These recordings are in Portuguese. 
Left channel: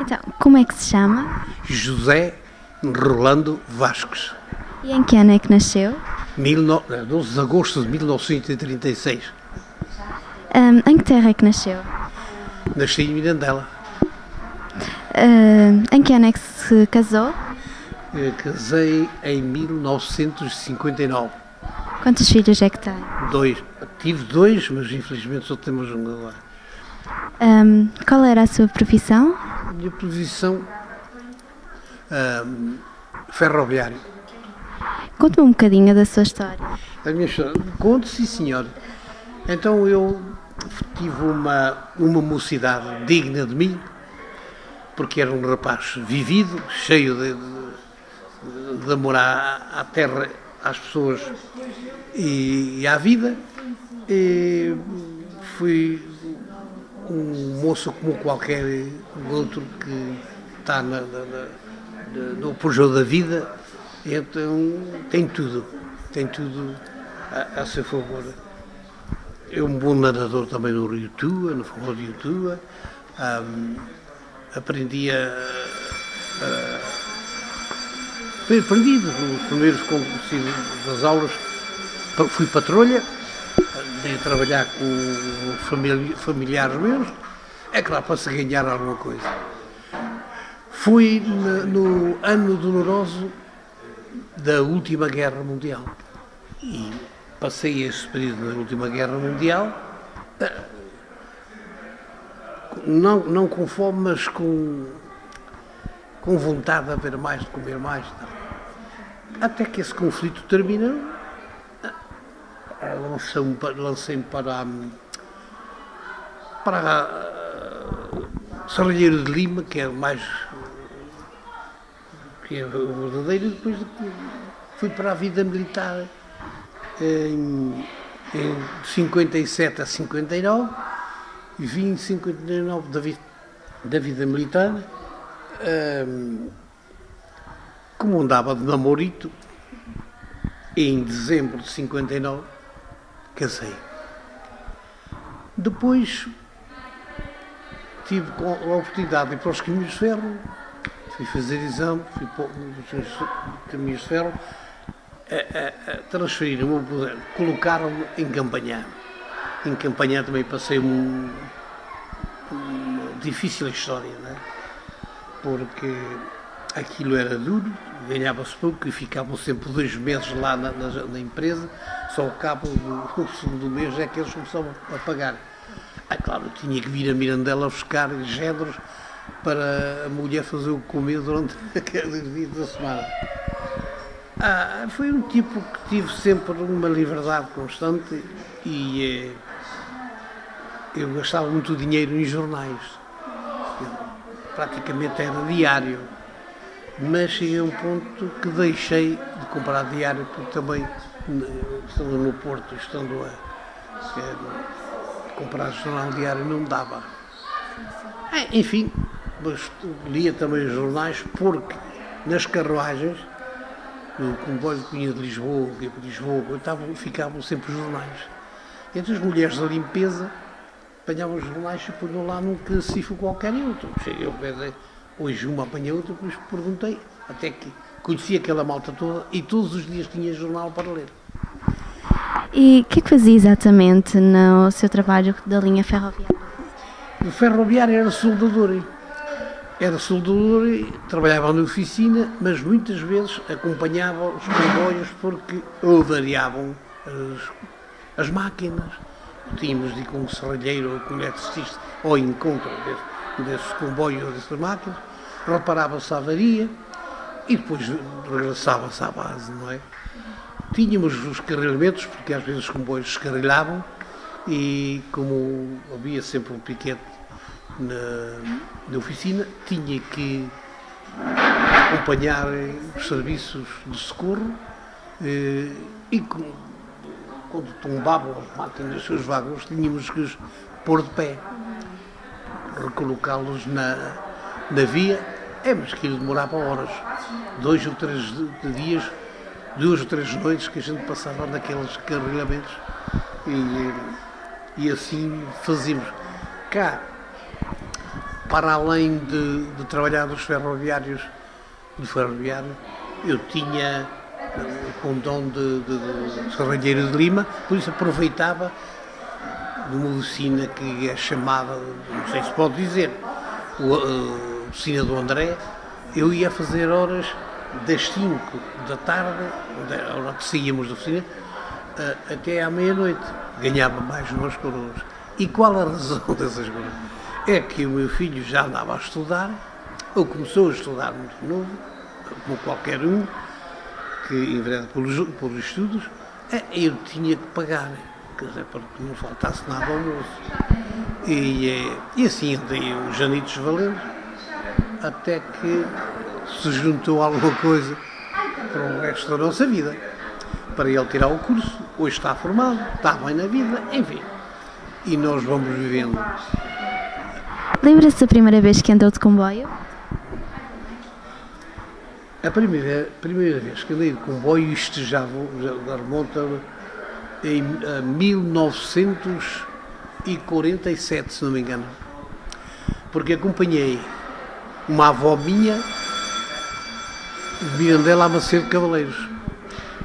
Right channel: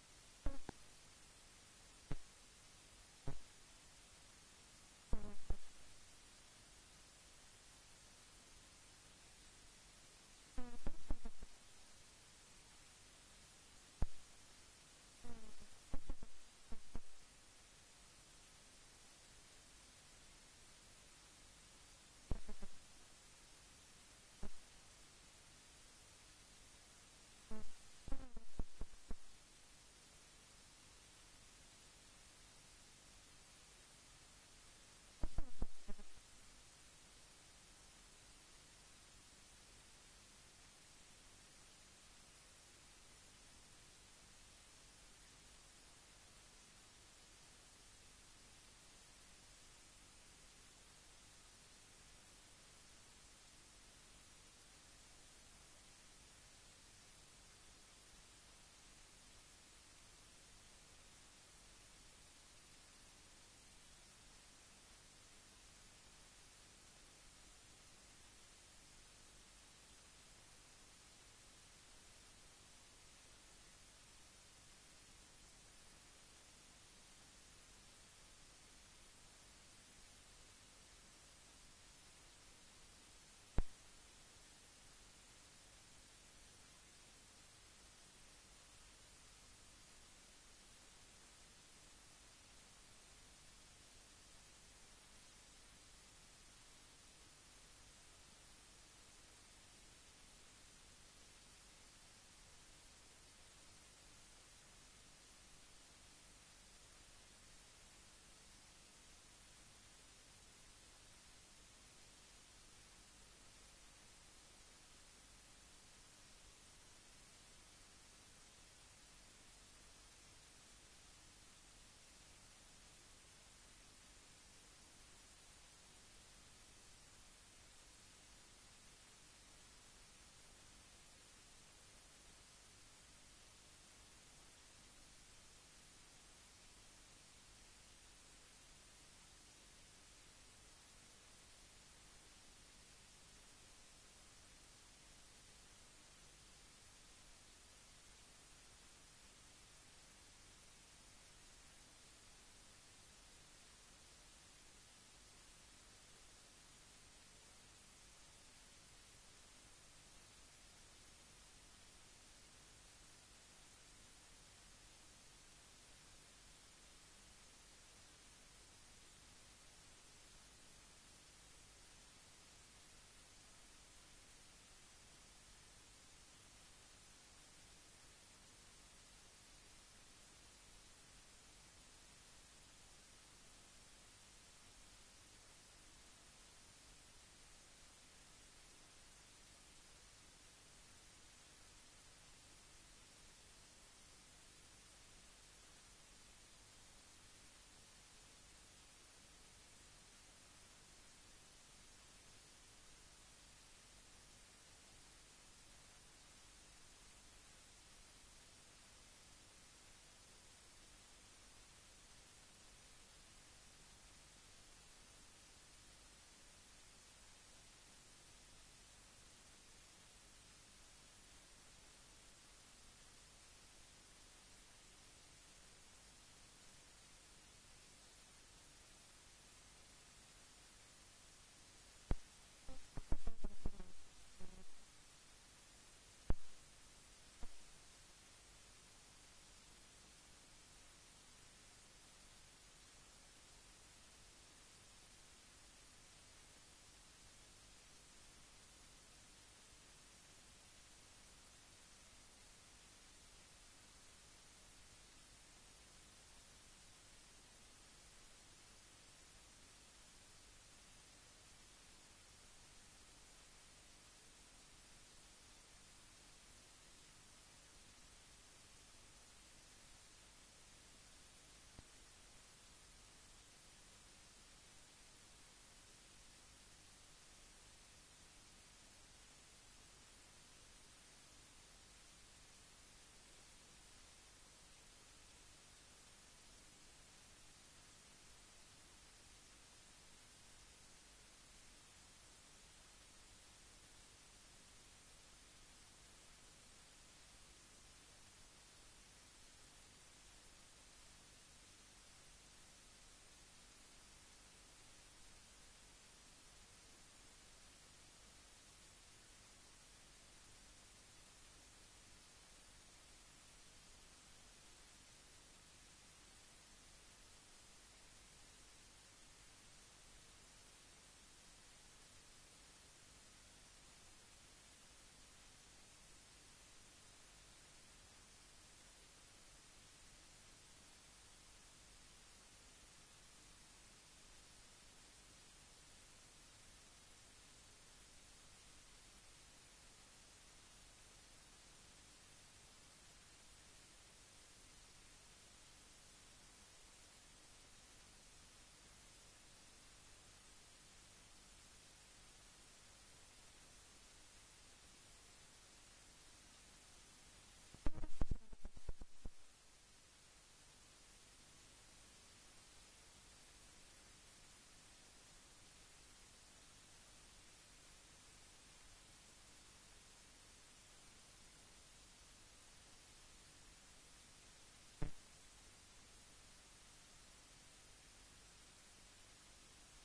Então, como é que se chama? José Rolando Vasques, E em que ano é que nasceu? 12 de agosto de 1936. Em que terra é que nasceu? Nasci em Mirandela. Em que ano é que se casou? Casei em 1959. Quantos filhos é que tem? Dois. Tive dois, mas infelizmente só temos um agora. Qual era a sua profissão? A minha profissão, ferroviário. Conte-me um bocadinho da sua história. A minha história, conto, sim senhor. Então eu tive uma mocidade digna de mim, porque era um rapaz vivido, cheio de amor à terra, às pessoas e à vida. E fui um moço como qualquer outro que está no apogeu da vida, então tem tudo a seu favor. É um bom nadador também no Rio Tua, no Forró de Tua. Aprendi aprendi nos primeiros das aulas, fui patrulha, andei a trabalhar com familiares meus, é claro, para se ganhar alguma coisa. Fui no ano doloroso da última Guerra Mundial e passei esse período da última Guerra Mundial, não com fome, mas com vontade de haver mais, de comer mais. Até que esse conflito terminou, lancei-me para Serralheiro de Lima, que é o verdadeiro, e depois fui para a vida militar em 57 a 59, e vim em 59 da vida militar. Como andava de namorito, em dezembro de 59 casei. Depois tive a oportunidade de ir para os caminhos de ferro, fui fazer exame, fui para os caminhos de ferro, transferiram-me, colocaram-me em Campanhã. Em Campanhã também passei uma difícil história, não é? Porque aquilo era duro, ganhava-se pouco e ficavam sempre 2 meses lá na empresa, só ao cabo do segundo mês é que eles começavam a pagar. Claro, eu tinha que vir a Mirandela buscar géneros para a mulher fazer o comer durante aqueles dias da semana. Foi um tipo que tive sempre uma liberdade constante e eu gastava muito dinheiro em jornais. Praticamente era diário, mas cheguei a um ponto que deixei de comprar diário, porque também, estando no Porto, estando a comprar jornal diário, não dava. Enfim, mas lia também os jornais, porque nas carruagens, no comboio que vinha de Lisboa, ficavam sempre os jornais. Entre as mulheres da limpeza, apanhavam os jornais e punham lá num cacifo qualquer e outro. Cheguei ao pé hoje uma apanhei outra, depois perguntei, até que conhecia aquela malta toda e todos os dias tinha jornal para ler. E o que é que fazia exatamente no seu trabalho da linha ferroviária? O ferroviário era soldador. Trabalhava na oficina, mas muitas vezes acompanhava os comboios porque variavam as máquinas. Tínhamos de ir com um serralheiro ou com um eletricista ao encontro desse comboio ou dessas máquinas, reparava-se a avaria e depois regressava-se à base, não é? Tínhamos os carrilhamentos, porque às vezes os comboios descarrilhavam e como havia sempre um piquete na oficina, tinha que acompanhar os serviços de socorro e quando tombavam as máquinas dos seus vagões, tínhamos que os pôr de pé, recolocá-los na via, mas aquilo demorava horas, 2 ou 3 dias, 2 ou 3 noites que a gente passava naqueles carregamentos e assim fazíamos. Cá, para além de trabalhar nos ferroviários, do ferroviário, eu tinha o condão de Serralheiro de Lima, por isso aproveitava de uma oficina que é chamada, não sei se pode dizer, a oficina do André. Eu ia fazer horas das 5 da tarde, a hora que saíamos da oficina, até à meia-noite. Ganhava mais umas coroas. E qual a razão dessas coroas? É que o meu filho já andava a estudar, ou começou a estudar muito novo, como qualquer um, que envereda pelos estudos, eu tinha que pagar, quer dizer, para que não faltasse nada ao almoço. E assim andei os anitos valendo, até que se juntou alguma coisa para o resto da nossa vida. Para ele tirar o curso, hoje está formado, está bem na vida, enfim. E nós vamos vivendo. Lembra-se da primeira vez que andou de comboio? A primeira vez que andei de comboio, isto já remonta a 1947, se não me engano. Porque acompanhei uma avó minha de Mirandela a Macedo de Cavaleiros.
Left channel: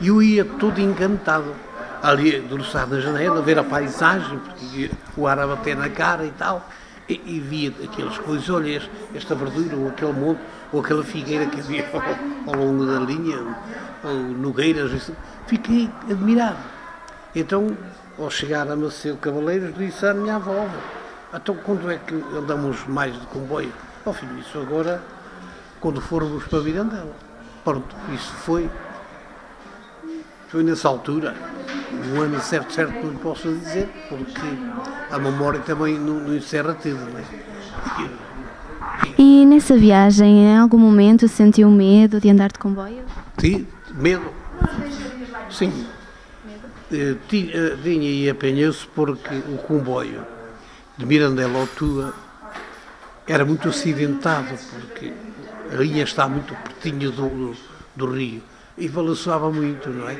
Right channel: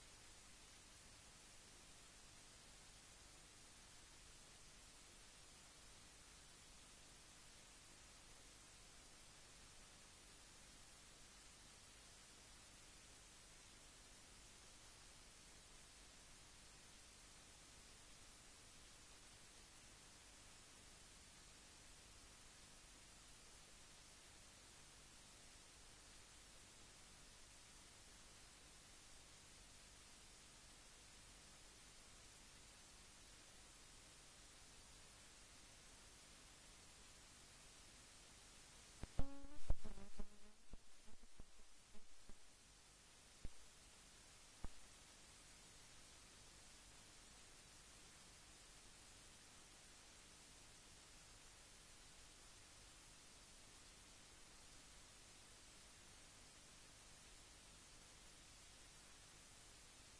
E eu ia todo encantado, ali debruçado na janela, a ver a paisagem, porque o ar a bater na cara e tal, e via aqueles coisas, olha, esta verdura, ou aquele monte, ou aquela figueira que havia ao longo da linha, ou nogueiras, fiquei admirado. Então, ao chegar a Macedo de Cavaleiros, disse à minha avó, então quando é que andamos mais de comboio? Ó filho, isso agora, quando formos para Mirandela. Pronto, isso foi nessa altura, um ano certo não lhe posso dizer, porque a memória também não encerra tudo, não é? E nessa viagem, em algum momento sentiu medo de andar de comboio? Sim, medo. Sim. Tinha e apanhou-se porque o comboio de Mirandela ao Tua era muito acidentado, porque a linha está muito pertinho do rio e balançava muito, não é?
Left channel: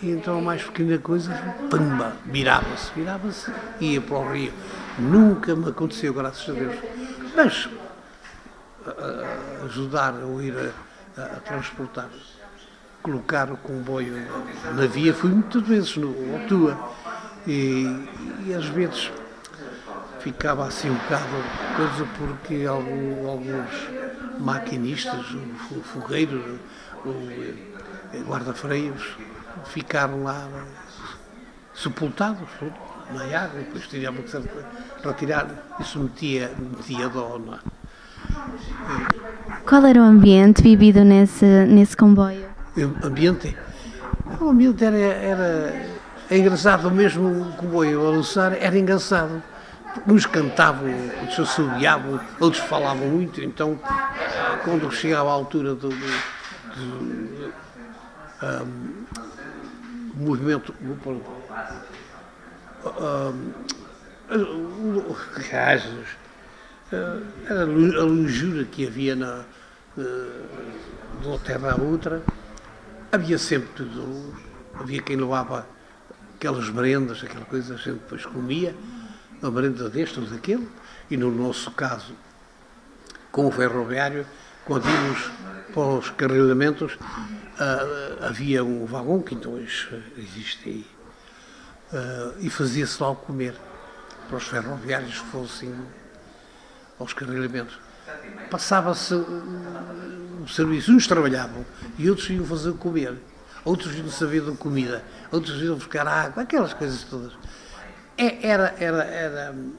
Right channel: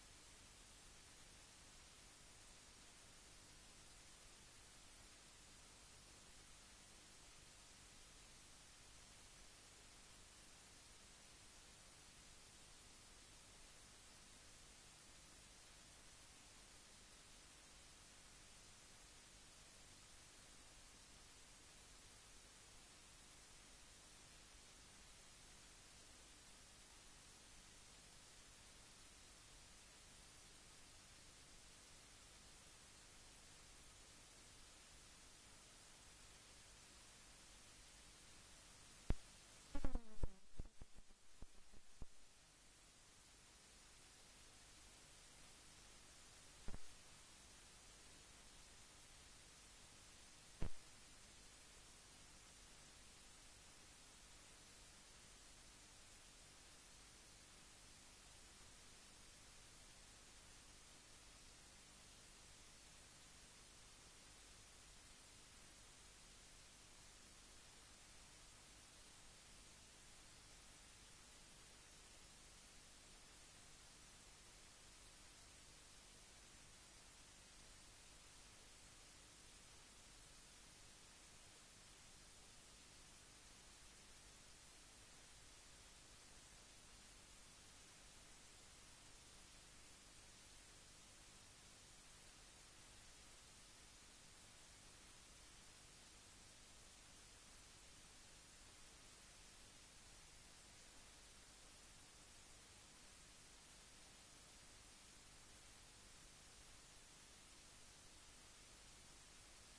E então a mais pequena coisa, pamba, virava-se e ia para o rio. Nunca me aconteceu, graças a Deus. Mas ajudar ou ir a transportar, colocar o comboio na via, fui muitas vezes no Tua e às vezes ficava assim um bocado coisa porque alguns maquinistas, fogueiros, guarda-freios, ficaram lá sepultados na água, e depois tínhamos que retirar, isso metia dó, não é? Qual era o ambiente vivido nesse comboio? O ambiente era engraçado mesmo, o comboio a lançar era engraçado. Uns cantavam, outros assobiavam, outros falavam muito, então quando chegava à altura do movimento, era a longura que havia de uma terra à outra, havia sempre tudo, havia quem levava aquelas merendas, aquela coisa, a gente depois comia, uma merenda deste ou daquele, e no nosso caso, com o ferroviário, quando íamos para os carrilhamentos, havia um vagão que então hoje existe aí, e fazia-se lá o comer, para os ferroviários que fossem aos carrilhamentos. Passava-se o serviço, uns trabalhavam e outros iam fazer o comer, outros iam saber da comida, outros iam buscar água, aquelas coisas todas.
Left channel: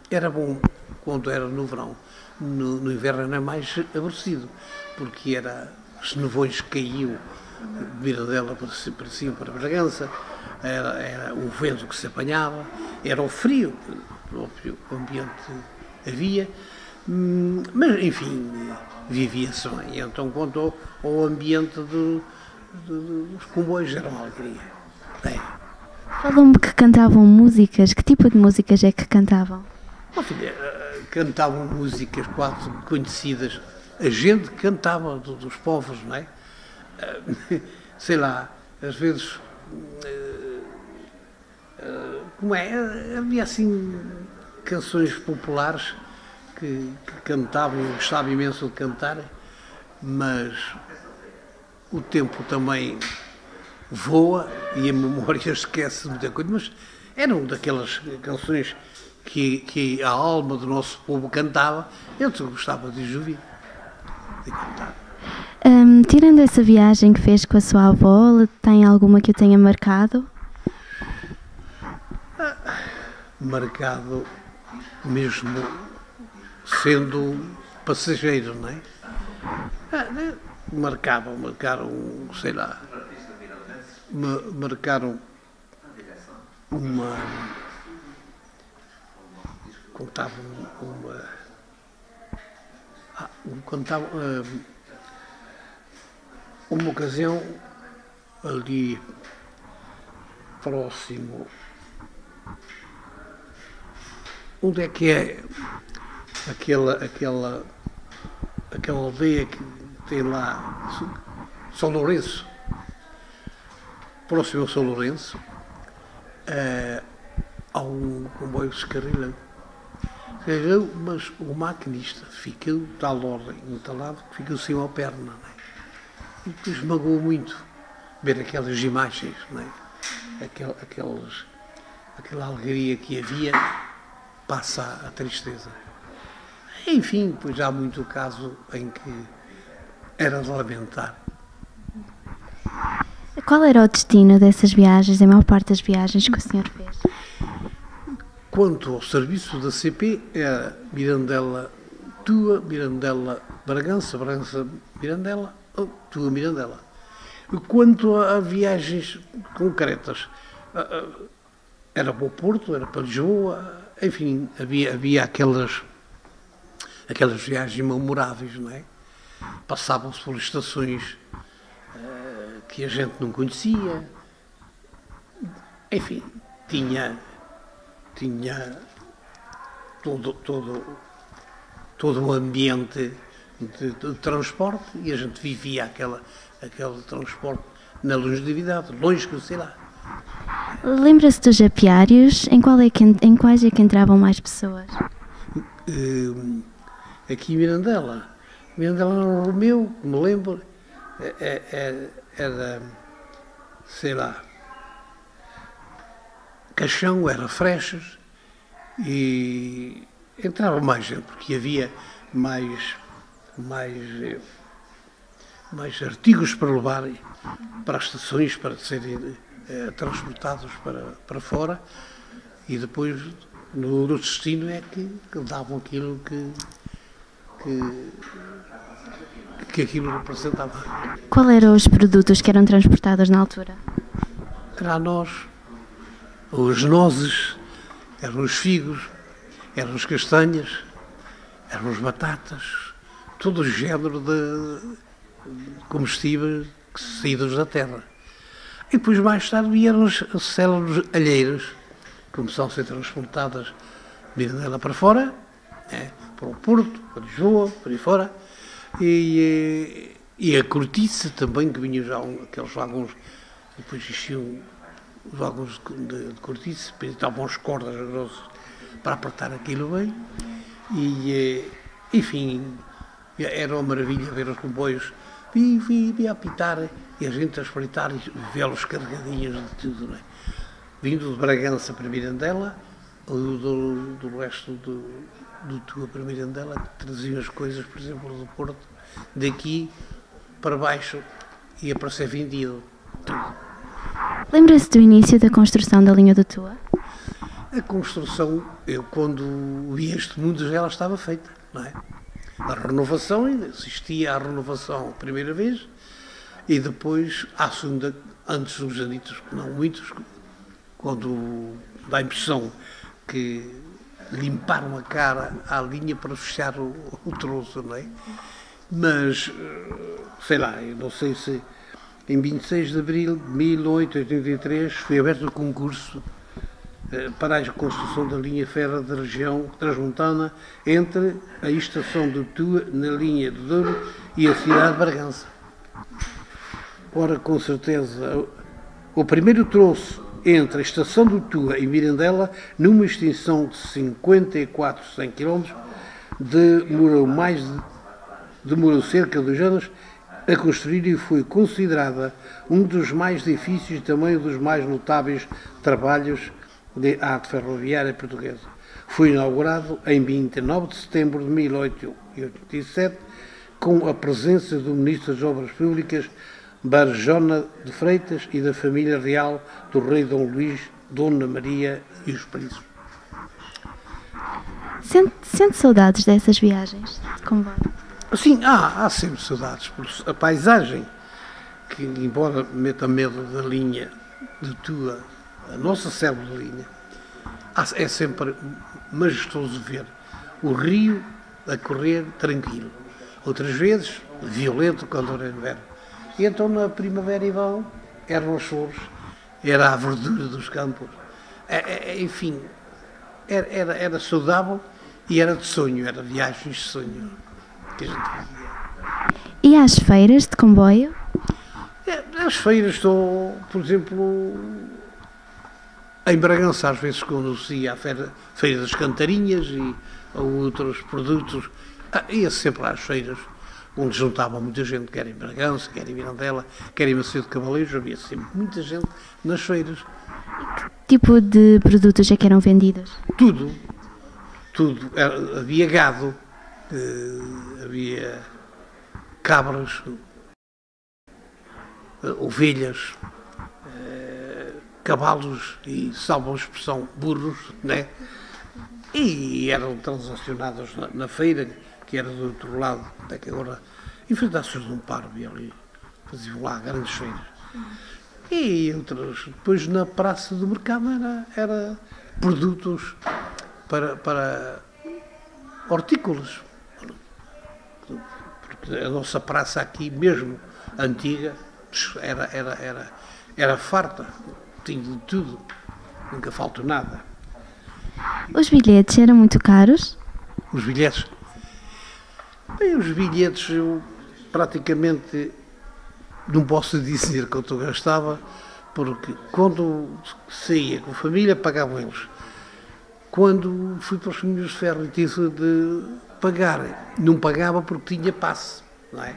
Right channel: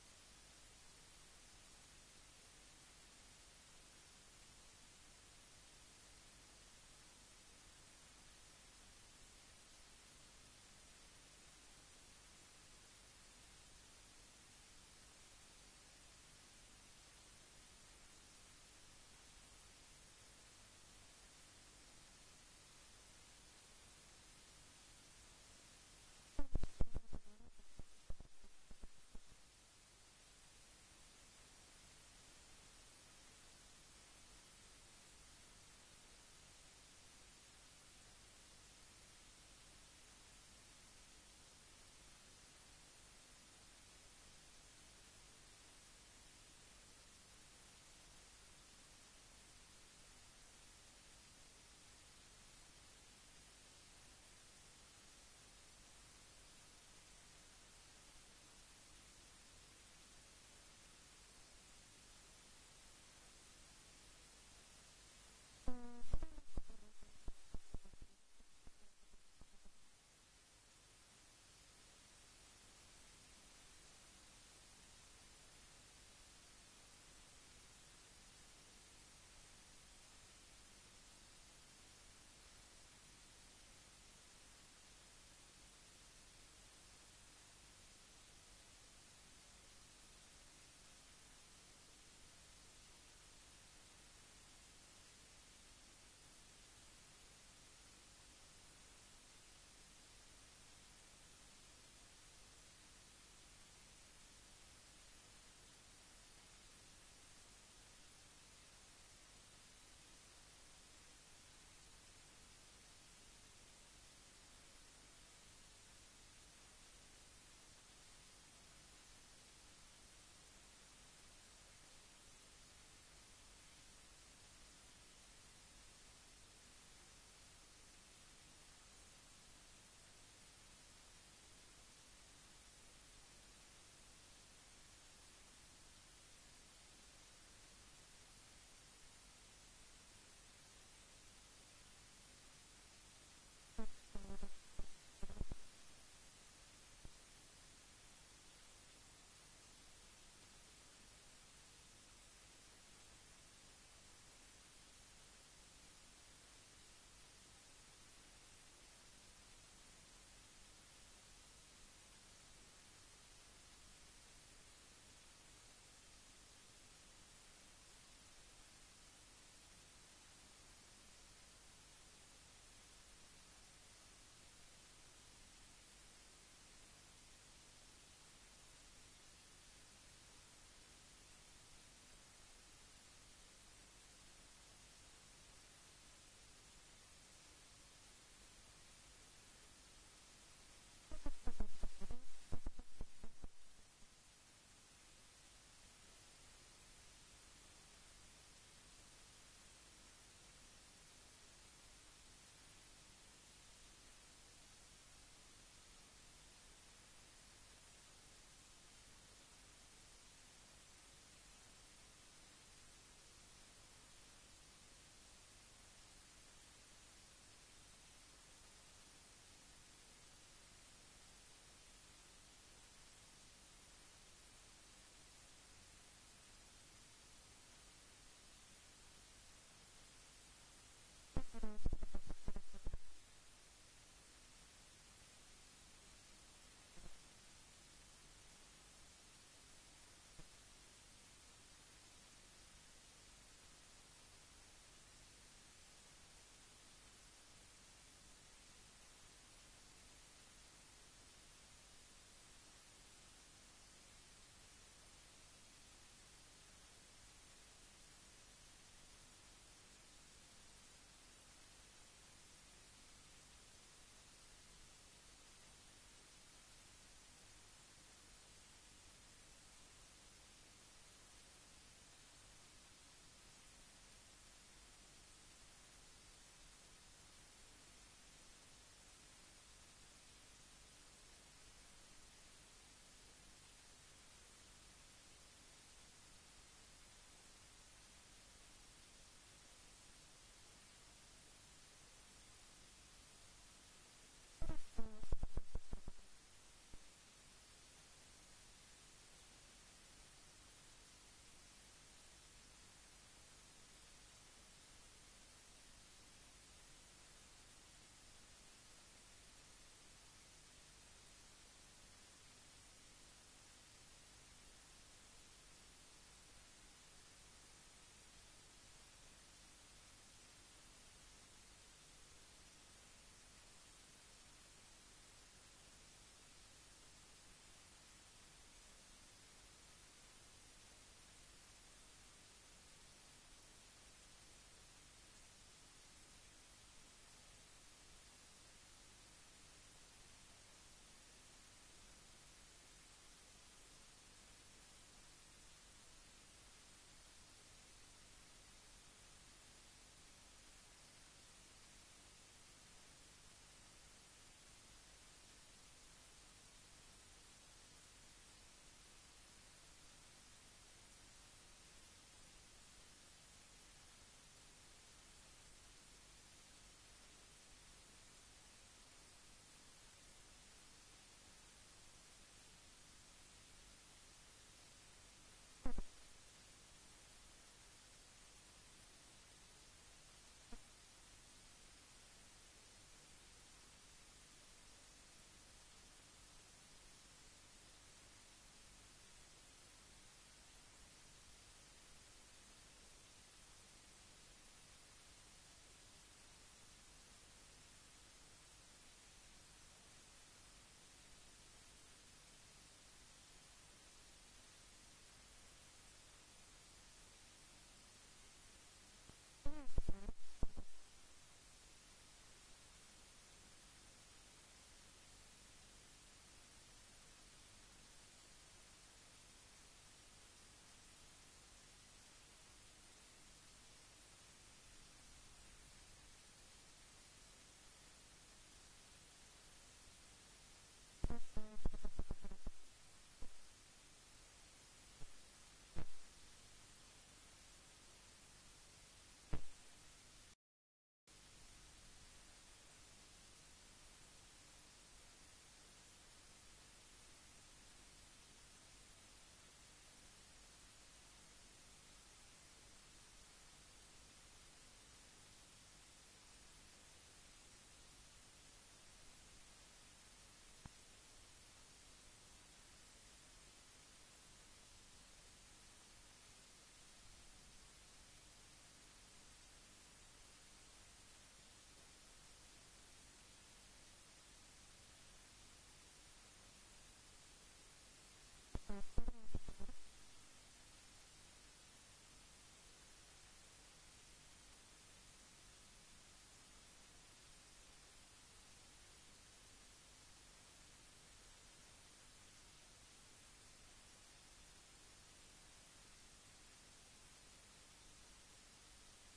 Era bom quando era no verão. No inverno era mais aborrecido, porque os nevões caíam de Mirandela para cima, para Bragança, era o vento que se apanhava, era o frio que o ambiente havia, mas enfim, vivia-se bem. Então, quanto ao ambiente dos comboios, era uma alegria. Falou-me que cantavam músicas. Que tipo de músicas é que cantavam? Filha, cantavam músicas quase conhecidas. A gente cantava dos povos, não é? Sei lá, às vezes, como é? Havia assim canções populares que cantavam, eu gostava imenso de cantar, mas o tempo também voa e a memória esquece muita coisa, mas eram daquelas canções que a alma do nosso povo cantava, eu gostava de ouvir, de cantar. Tirando essa viagem que fez com a sua avó, tem alguma que o tenha marcado? Marcado mesmo sendo passageiro, não é? Marcaram, sei lá, marcaram uma, contavam uma ocasião ali próximo, onde é que é aquela aldeia que tem lá, São Lourenço, próximo ao São Lourenço, há um comboio que se carrilha, mas o maquinista ficou de tal ordem entalado que ficou sem uma perna, não é? E depois magoou muito ver aquelas imagens, não é? Aquela alegria que havia passa a tristeza. Enfim, pois há muito caso em que era de lamentar. Qual era o destino dessas viagens, a maior parte das viagens que o senhor fez? Quanto ao serviço da CP, era Mirandela, Tua, Mirandela, Bragança, Bragança, Mirandela, Tua, Mirandela. Quanto a viagens concretas, era para o Porto, era para Lisboa, enfim, havia aquelas viagens memoráveis, não é? Passavam-se por estações que a gente não conhecia, enfim, tinha todo o ambiente de transporte e a gente vivia aquele transporte na longevidade, longe que sei lá. Lembra-se dos apiários? Em quais é que entravam mais pessoas? Aqui em Mirandela no Romeu, me lembro, era, sei lá, Caixão, era Frechas, e entrava mais gente, porque havia mais artigos para levar para as estações, para serem transportados para fora, e depois no destino é que davam aquilo que aquilo representava. Qual eram os produtos que eram transportados na altura? Era a noz, as nozes, eram os figos, eram as castanhas, eram as batatas, todo o género de comestíveis saídos da terra. E depois mais tarde vieram as células alheiras, que começaram a ser transportadas de Mirandela para fora, para o Porto, para Lisboa, para aí fora, e a cortiça também, que vinham já aqueles vagões, depois existiam os vagões de cortiça, depois estavam as cordas grossas para apertar aquilo bem, e enfim, era uma maravilha ver os comboios via apitar e a gente a espreitar e vê-los carregadinhos de tudo, não é? Vindo de Bragança para Mirandela, ou do resto do Tua para Mirandela, que traziam as coisas, por exemplo, do Porto, daqui para baixo, ia para ser vendido. Tudo. Lembra-se do início da construção da linha do Tua? A construção, eu quando vi este mundo já ela estava feita, não é? A renovação, assistia à renovação a primeira vez, e depois à segunda, antes dos anitos, não muitos, quando dá a impressão que limparam a cara à linha para fechar o troço, não é? Mas, sei lá, eu não sei se em 26 de abril de 1883 foi aberto o concurso para a construção da linha férrea da região transmontana entre a estação de Tua, na linha de Douro, e a cidade de Bragança. Ora, com certeza, o primeiro troço entre a estação de Tua e Mirandela, numa extensão de 54 100 km, demorou cerca de 2 anos a construir e foi considerada um dos mais difíceis e também um dos mais notáveis trabalhos de arte ferroviária portuguesa. Foi inaugurado em 29 de setembro de 1887, com a presença do Ministro das Obras Públicas, Barjona de Freitas, e da família real do rei Dom Luís, Dona Maria e os príncipes. Sente saudades dessas viagens de comboio? Sim, há sempre saudades por a paisagem, que embora meta medo da linha de Tua, a nossa célula de linha, é sempre majestoso ver o rio a correr tranquilo. Outras vezes, violento quando era inverno. E então na primavera e verão eram as flores, era a verdura dos campos. Enfim, era saudável e era de sonho, era viagens de sonho que a gente fazia. E às feiras de comboio? As feiras estou, por exemplo, em Bragança, às vezes quando se ia à feira das Cantarinhas e a outros produtos, ia sempre às feiras, onde juntava muita gente, quer em Bragança, quer em Mirandela, quer em Macedo de Cavaleiros, havia sempre muita gente nas feiras. Que tipo de produtos é que eram vendidos? Tudo. Havia gado, havia cabras, ovelhas, cavalos e, salvo a expressão, burros, né? E eram transacionados na feira, que era do outro lado, até que agora, em frente à Senhora de um Parvo, ali, faziam lá grandes feiras. E outras, depois na praça do mercado era produtos para hortícolas. Porque a nossa praça aqui, mesmo antiga, era farta, tinha de tudo, nunca faltou nada. Os bilhetes eram muito caros? Os bilhetes? Bem, os bilhetes eu praticamente não posso dizer quanto eu gastava, porque quando saía com a família pagavam eles. Quando fui para os caminhos de ferro e tive de pagar, não pagava porque tinha passe, não é?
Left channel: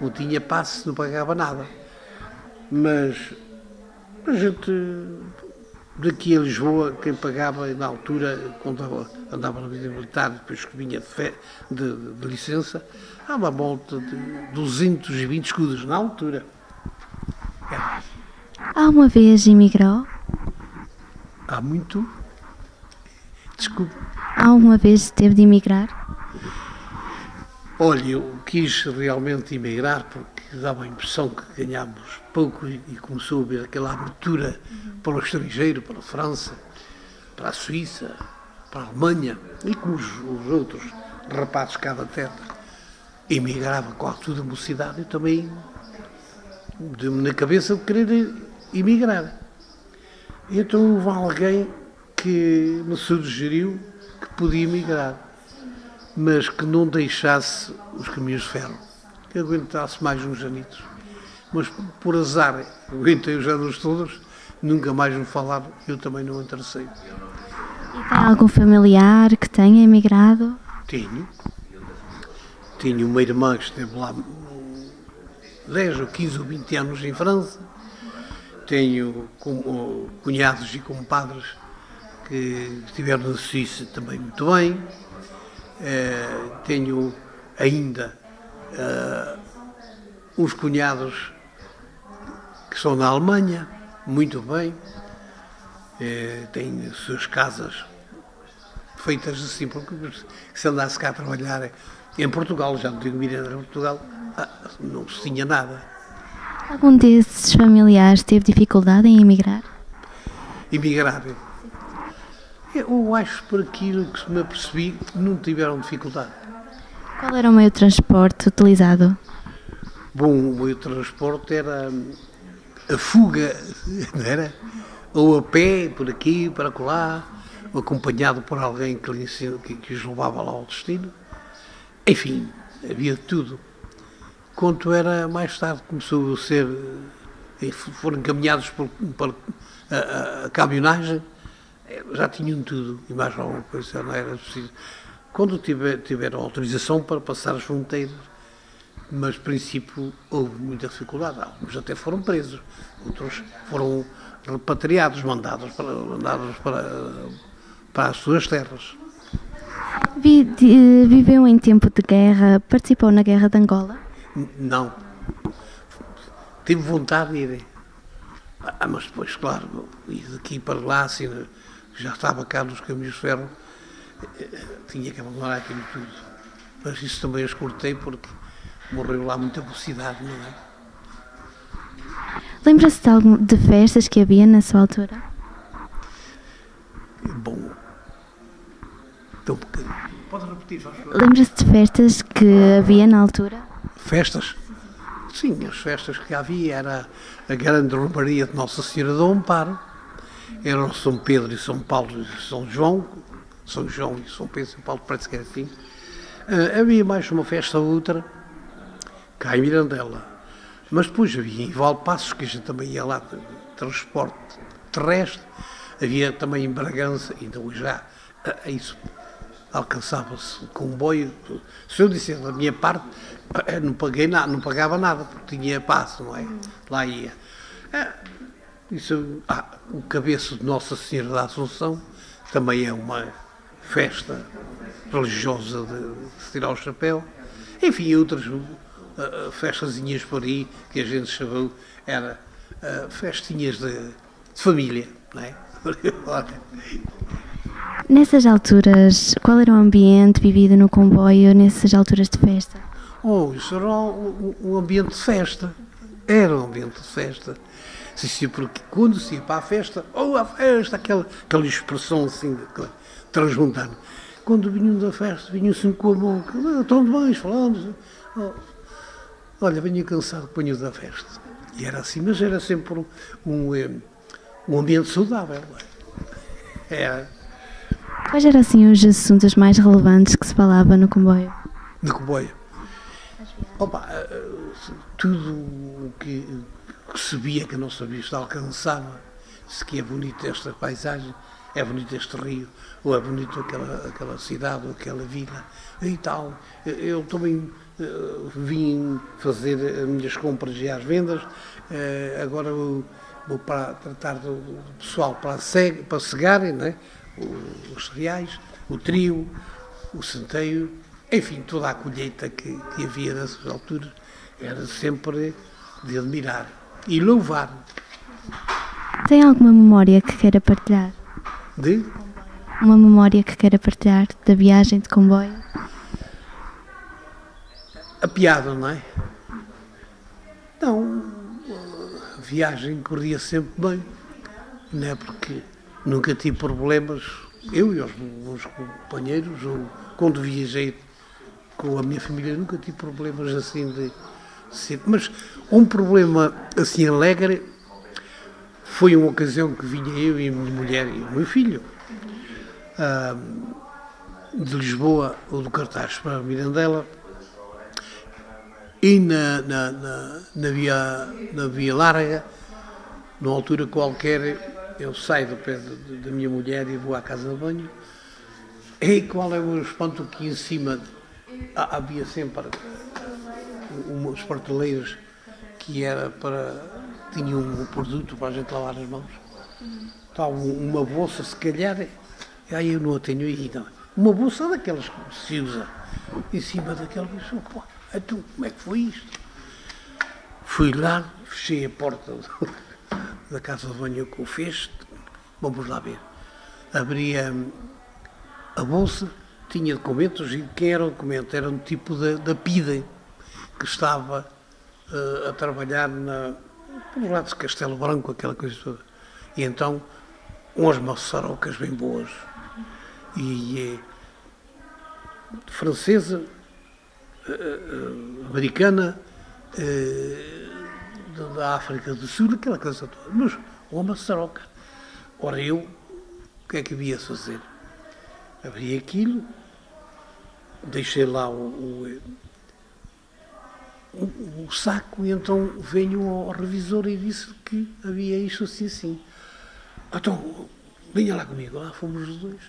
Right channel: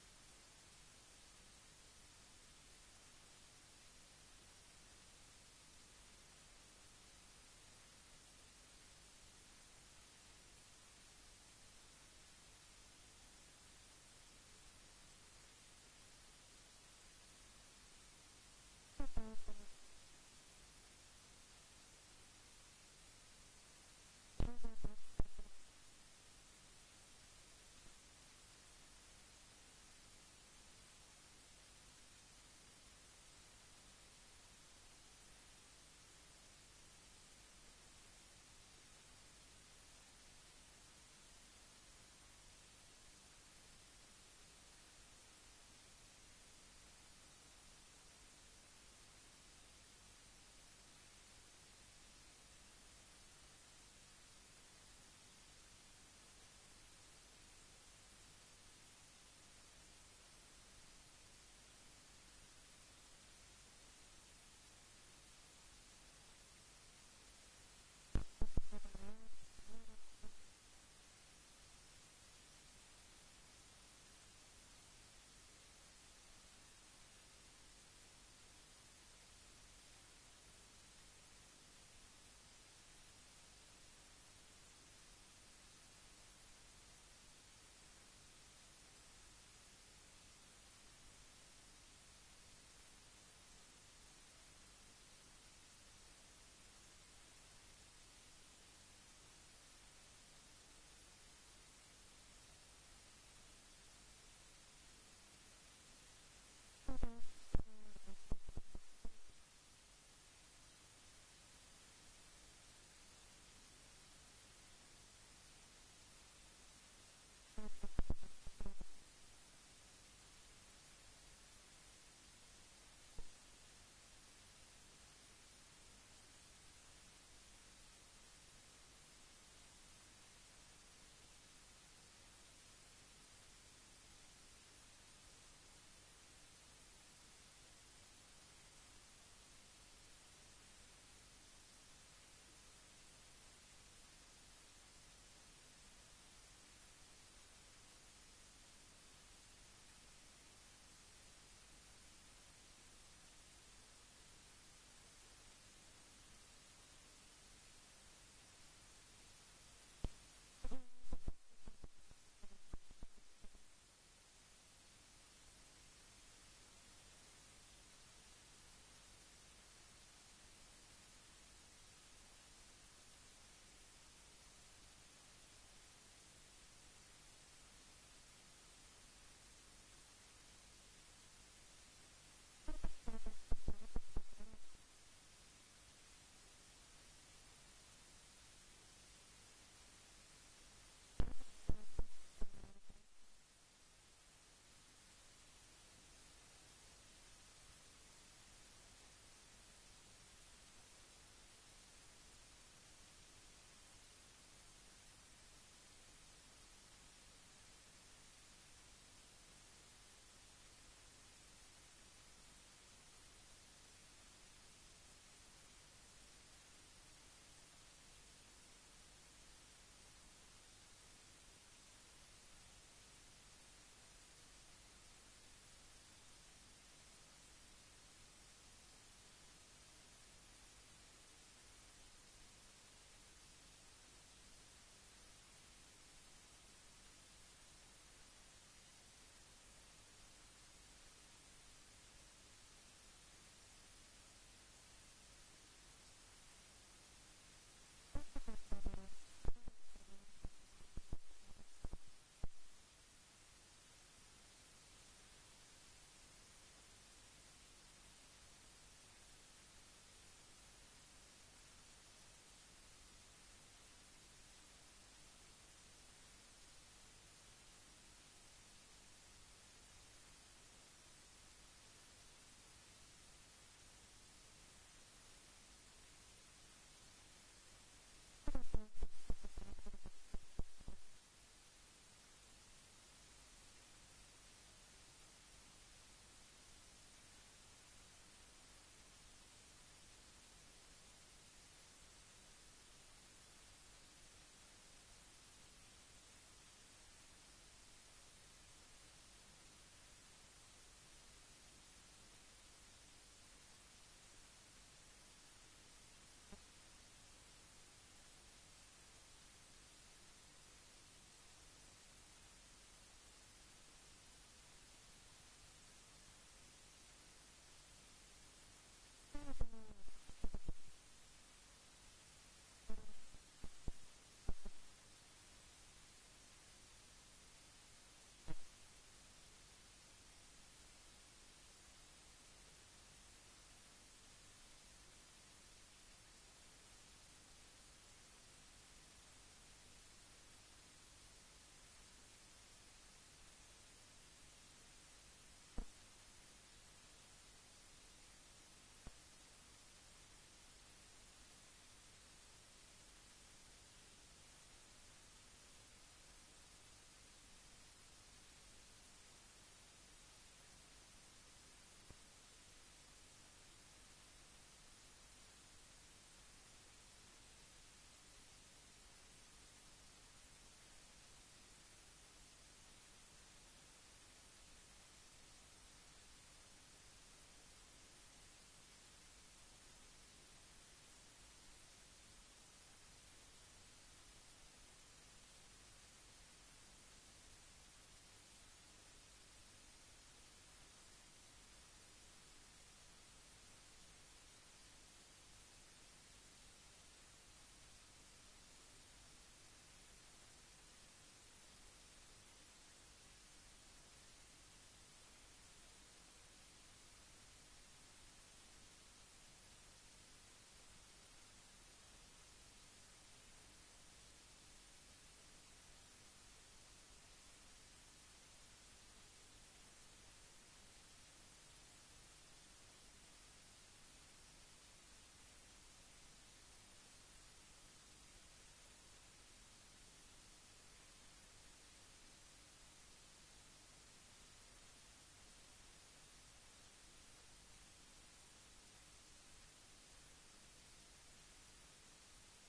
Não tinha passe, não pagava nada. Mas a gente, daqui a Lisboa, quem pagava na altura, quando andava na vida militar, depois que vinha de licença, há uma volta de 220 escudos na altura. Alguma vez emigrou? Há muito. Desculpe. Alguma vez teve de emigrar? Olha, eu quis realmente emigrar porque dava a impressão que ganhámos pouco e começou a haver aquela abertura para o estrangeiro, para a França, para a Suíça, para a Alemanha, e como os outros rapazes cá da terra emigravam com toda a mocidade, eu também deu-me na cabeça de querer emigrar. E então houve alguém que me sugeriu que podia emigrar, mas que não deixasse os caminhos de ferro, que aguentasse mais uns anitos. Mas por azar, aguentei os anos todos, nunca mais me falaram, eu também não me interessei. E tem algum familiar que tenha emigrado? Tinha uma irmã que esteve lá 10 ou 15 ou 20 anos em França. Tenho cunhados e compadres que estiveram na Suíça também muito bem. Tenho ainda uns cunhados que são na Alemanha, muito bem. Têm as suas casas feitas assim, porque se andasse cá a trabalhar em Portugal, já não digo Miranda, em Portugal, não se tinha nada. Algum desses familiares teve dificuldade em emigrar? Emigrar? Eu acho, por aquilo que me apercebi, que não tiveram dificuldade. Qual era o meio de transporte utilizado? Bom, o meio de transporte era a fuga, não era? Ou a pé, por aqui, para acolá, ou acompanhado por alguém que os levava lá ao destino. Enfim, havia de tudo. Quanto era mais tarde, começou a ser, foram encaminhados para a caminhonagem, já tinham tudo, e mais alguma coisa, não era preciso. quando tiveram autorização para passar as fronteiras, mas, a princípio, houve muita dificuldade. Alguns até foram presos, outros foram repatriados, mandados para as suas terras. Viveu em tempo de guerra, participou na Guerra de Angola? Não. Tive vontade de ir. Mas depois, claro, ir daqui para lá, assim, já estava cá nos caminhos de ferro, tinha que abandonar aquilo tudo. Mas isso também eu escutei porque morreu lá muita velocidade, não é? Lembra-se de festas que havia na sua altura? Bom, então um bocadinho. Pode repetir, faz favor. Lembra-se de festas que havia na altura? Festas? Sim, as festas que havia era a grande romaria de Nossa Senhora do Amparo, eram São Pedro e São Paulo e São João e São Pedro e São Paulo, parece que era assim. Havia mais uma festa ou outra, cá em Mirandela. Mas depois havia em Valpassos, que a gente também ia lá de transporte terrestre, havia também em Bragança, então já isso alcançava-se comboio. Se eu disser da minha parte, não paguei nada, não pagava nada, porque tinha passo, não é? Lá ia. O cabeço de Nossa Senhora da Assunção também é uma festa religiosa de se tirar o chapéu. Enfim, outras festazinhas por aí que a gente chamou, era festinhas de família, não é? Nessas alturas, qual era o ambiente vivido no comboio nessas alturas de festa? Isso era um ambiente de festa. Era um ambiente de festa. Sim, porque quando se ia para a festa, a festa, aquela expressão assim, transmontana. Quando vinham da festa, vinham assim com a mão, estão de bem, falando. Olha, venho cansado que venho da festa. E era assim, mas era sempre um ambiente saudável. Era. Quais eram assim os assuntos mais relevantes que se falava no comboio? No comboio? Tudo o que se via que a nossa vista alcançava, se que é bonita esta paisagem, é bonito este rio, ou é bonito aquela cidade, ou aquela vila, e tal. Eu também vim fazer as minhas compras e as vendas, agora vou para tratar do pessoal para cegarem, né? Os cereais, o trigo, o centeio, enfim, toda a colheita que havia nessas alturas era sempre de admirar e louvar. Tem alguma memória que queira partilhar? Uma memória que queira partilhar da viagem de comboio? A piada, não é? Não, a viagem corria sempre bem, não é? Porque nunca tive problemas, eu e os meus companheiros, ou quando viajei com a minha família, nunca tive problemas assim de ser. Mas um problema assim alegre foi uma ocasião que vinha eu e a minha mulher e o meu filho de Lisboa ou do Cartaz para Mirandela, e na via larga, numa altura qualquer, eu saio do pé da minha mulher e vou à casa de banho. E qual é o espanto que em cima havia sempre umas prateleiras que era tinha um produto para a gente lavar as mãos. Estava uma bolsa, se calhar, aí eu não a tenho aí, não. Uma bolsa daquelas que se usa, em cima daquela bolsa. Então, como é que foi isto? Fui lá, fechei a porta da casa de banho com o fecho, vamos lá ver. Abri a bolsa, tinha documentos, e de quem era o documento? Era um tipo da PIDE, que estava a trabalhar por lá de Castelo Branco, aquela coisa toda. E então, umas maçarocas bem boas, e francesa, americana, da África do Sul, aquela coisa toda. Mas uma maçaroca. Ora, eu, o que é que havia a fazer? Abri aquilo, deixei lá o saco, e então venho ao revisor e disse que havia isto assim, assim. Então, venha lá comigo. Lá fomos os dois.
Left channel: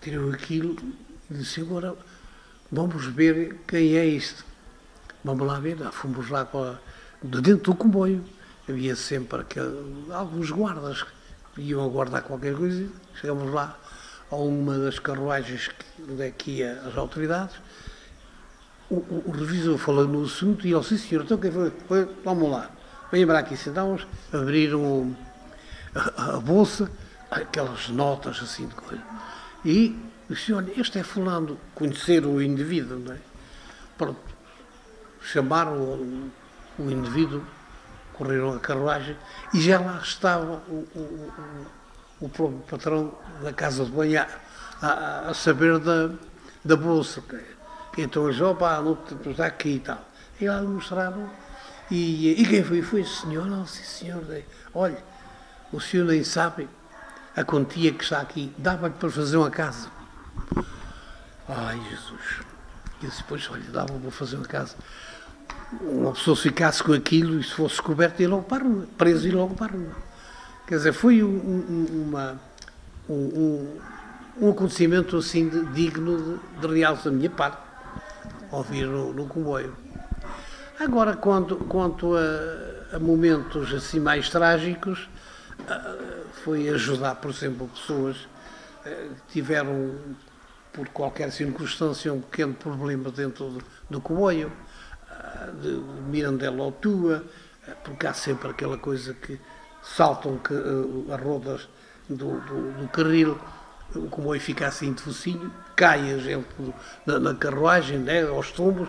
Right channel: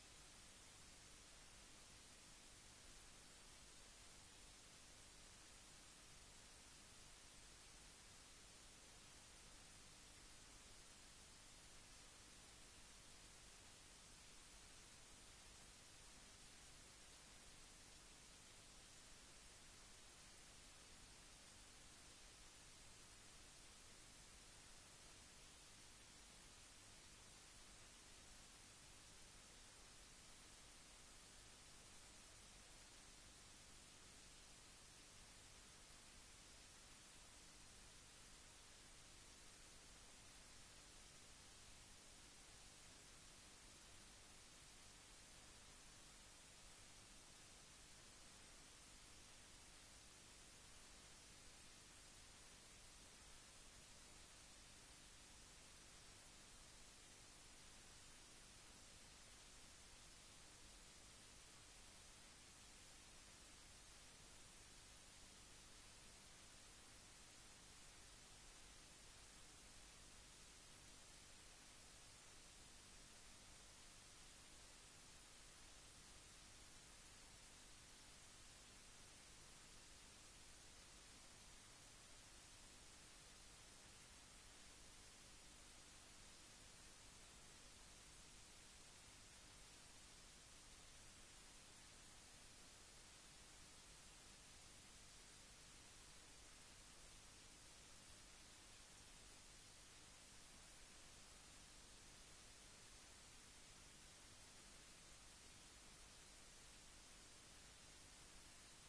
Tirou aquilo, Disse, agora vamos ver quem é este. Vamos lá ver. Fomos lá de dentro do comboio. Havia sempre alguns guardas que iam a guardar qualquer coisa. Chegamos lá a uma das carruagens onde é que ia as autoridades. O revisor falou no assunto e ele disse, senhor, então quem foi? Vamos lá. Venha para aqui, sentamos, abriram a bolsa, aquelas notas assim de coisa. E disse, olha, este é fulano, conhecer o indivíduo, não é? Pronto. Chamaram o indivíduo, correram a carruagem e já lá estava o próprio patrão da casa de banho a saber da bolsa. Então eles, opa, não está aqui e tal. E lá mostraram. E quem foi? Foi o senhor? Não, sim, senhor. Olha, o senhor nem sabe a quantia que está aqui. Dava-lhe para fazer uma casa. Ai, Jesus. E disse, pois, olha, dava-lhe para fazer uma casa. Uma pessoa se ficasse com aquilo e se fosse descoberto, ia logo para a rua. Preso e logo para a rua. Quer dizer, foi um acontecimento assim digno de realce da minha parte, ouvir no comboio. Agora, quanto a momentos assim mais trágicos, foi ajudar, por exemplo, pessoas que tiveram, por qualquer circunstância, um pequeno problema dentro do comboio, de Mirandela ou Tua, porque há sempre aquela coisa que saltam as rodas do carril, o comboio fica assim de focinho, cai a gente na carruagem, né, aos tombos,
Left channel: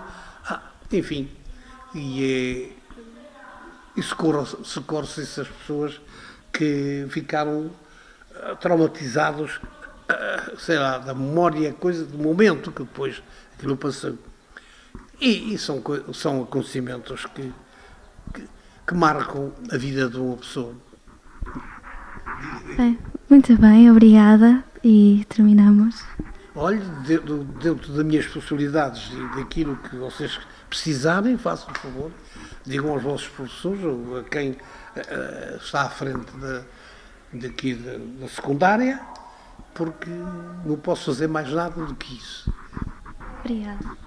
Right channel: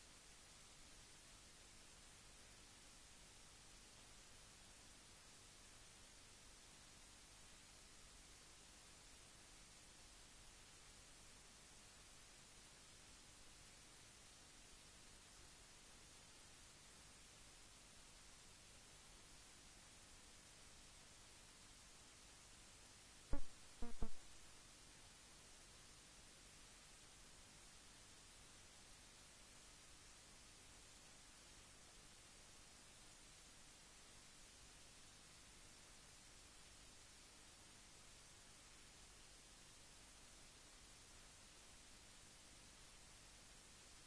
enfim, e socorre-se essas pessoas que ficaram traumatizados, sei lá, da memória, coisa do momento que depois aquilo passou. E são acontecimentos que marcam a vida de uma pessoa. Muito bem, obrigada. E terminamos. Olhe, dentro das minhas possibilidades e daquilo que vocês precisarem, façam por favor, digam aos vossos professores ou a quem está à frente daqui da secundária, porque não posso fazer mais nada do que isso. Obrigada.